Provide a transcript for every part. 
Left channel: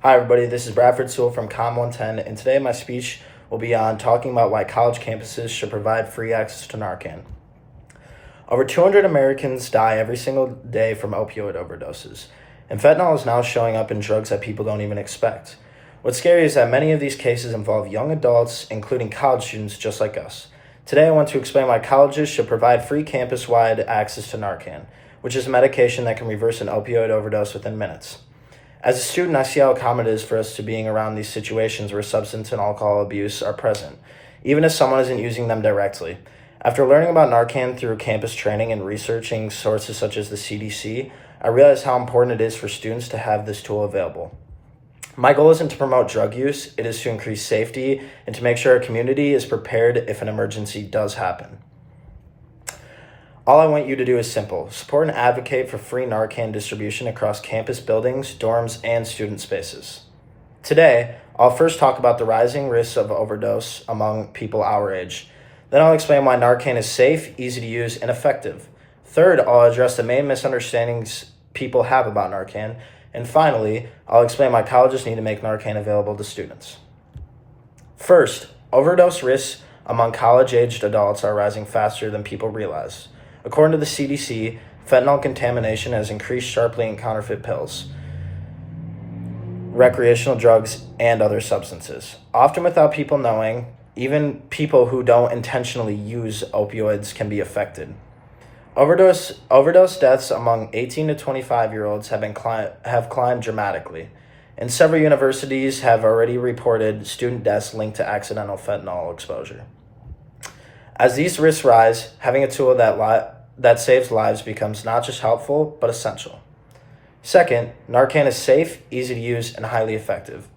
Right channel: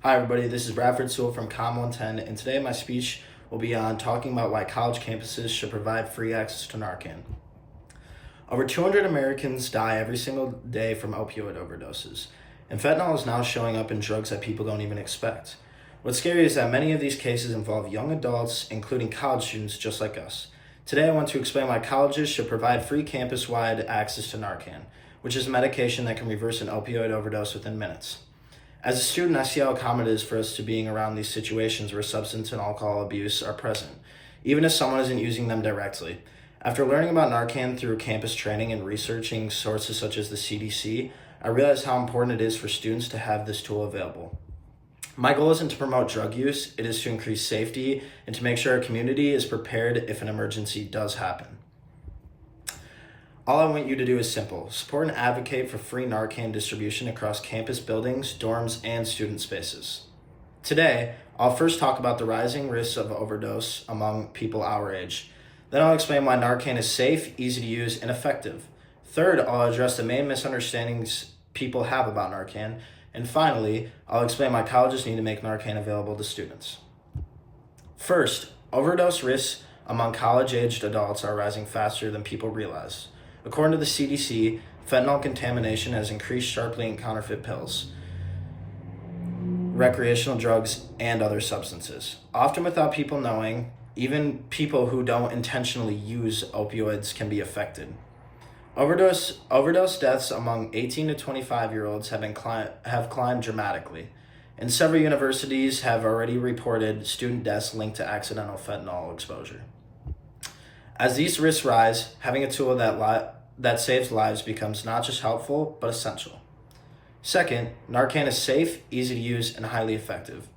Hi, everybody. This is Bradford Sewell from Com 110, and today my speech will be on talking about why college campuses should provide free access to Narcan. Over 200 Americans die every single day from opioid overdoses, and fentanyl is now showing up in drugs that people don't even expect. What's scary is that many of these cases involve young adults, including college students just like us. Today, I want to explain why colleges should provide free campus-wide access to Narcan, which is a medication that can reverse an opioid overdose within minutes. As a student, I see how common it is for us to being around these situations where substance and alcohol abuse are present, even if someone isn't using them directly. After learning about Narcan through campus training and researching sources such as the CDC, I realized how important it is for students to have this tool available. My goal isn't to promote drug use, it is to increase safety and to make sure our community is prepared if an emergency does happen. All I want you to do is simple. Support and advocate for free Narcan distribution across campus buildings, dorms, and student spaces. Today, I'll first talk about the rising risks of overdose among people our age. Then I'll explain why Narcan is safe, easy to use, and effective. Third, I'll address the main misunderstandings people have about Narcan. And finally, I'll explain why colleges need to make Narcan available to students. First, overdose risks among college-aged adults are rising faster than people realize. According to the CDC, fentanyl contamination has increased sharply in counterfeit pills, recreational drugs, and other substances. Often without people knowing, even people who don't intentionally use opioids can be affected. Overdose deaths among 18 to 25-year-olds have climbed dramatically, and several universities have already reported student deaths linked to accidental fentanyl exposure. As these risks rise, having a tool that saves lives becomes not just helpful, but essential. Second, Narcan is safe, easy to use, and highly effective.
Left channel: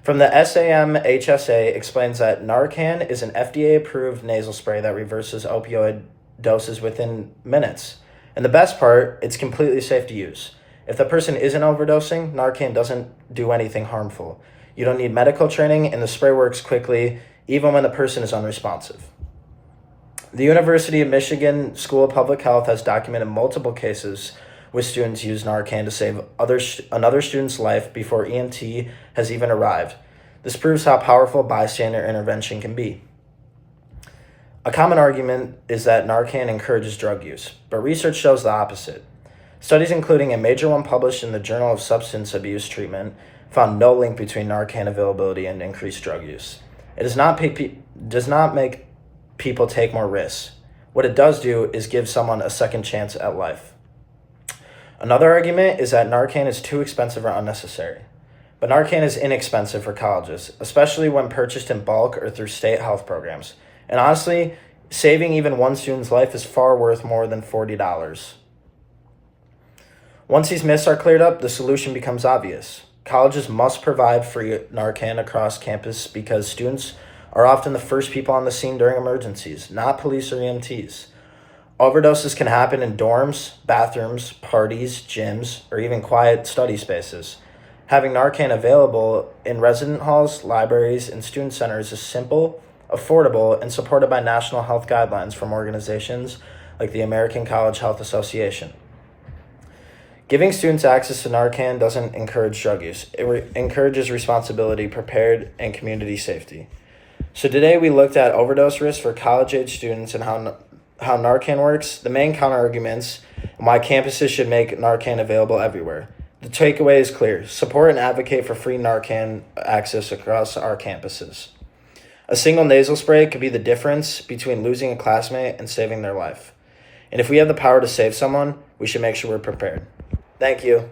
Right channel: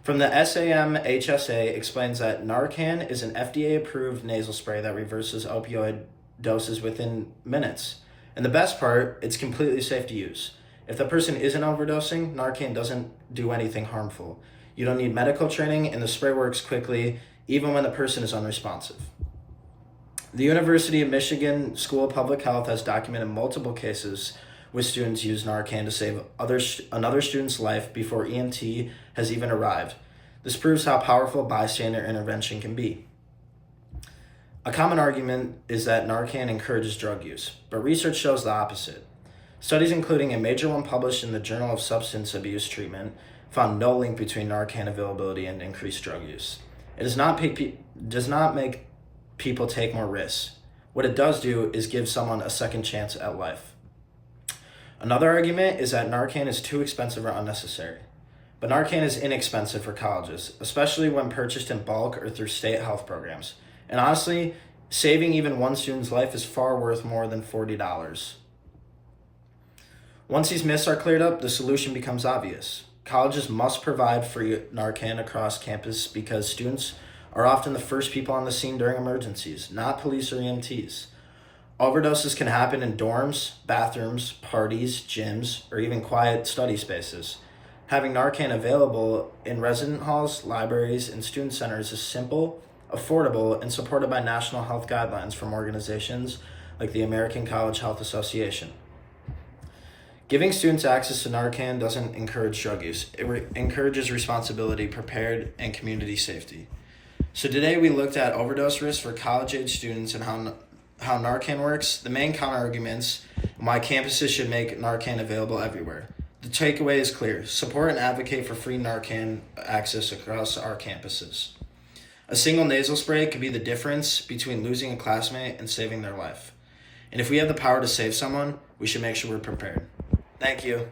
From the SAM-HSA explains that Narcan is an FDA-approved nasal spray that reverses opioid doses within minutes. And the best part, it's completely safe to use. If the person isn't overdosing, Narcan doesn't do anything harmful. You don't need medical training, and the spray works quickly, even when the person is unresponsive. The University of Michigan School of Public Health has documented multiple cases with students use Narcan to save another student's life before EMT has even arrived. This proves how powerful bystander intervention can be. A common argument is that Narcan encourages drug use, but research shows the opposite. Studies, including a major one published in the Journal of Substance Abuse Treatment, found no link between Narcan availability and increased drug use. It does not make people take more risks. What it does do is give someone a second chance at life. Another argument is that Narcan is too expensive or unnecessary. But Narcan is inexpensive for colleges, especially when purchased in bulk or through state health programs. And honestly, saving even one student's life is far worth more than $40. Once these myths are cleared up, the solution becomes obvious. Colleges must provide free Narcan across campus because students are often the first people on the scene during emergencies, not police or EMTs. Overdoses can happen in dorms, bathrooms, parties, gyms, or even quiet study spaces. Having Narcan available in resident halls, libraries, and student centers is simple, affordable, and supported by national health guidelines from organizations like the American College Health Association. Giving students access to Narcan doesn't encourage drug use. It encourages responsibility, prepared, and community safety. So today we looked at overdose risks for college-age students and how Narcan works, the main counter-arguments, and why campuses should make Narcan available everywhere. The takeaway is clear. Support and advocate for free Narcan access across our campuses. A single nasal spray could be the difference between losing a classmate and saving their life. And if we have the power to save someone, we should make sure we're prepared. Thank you.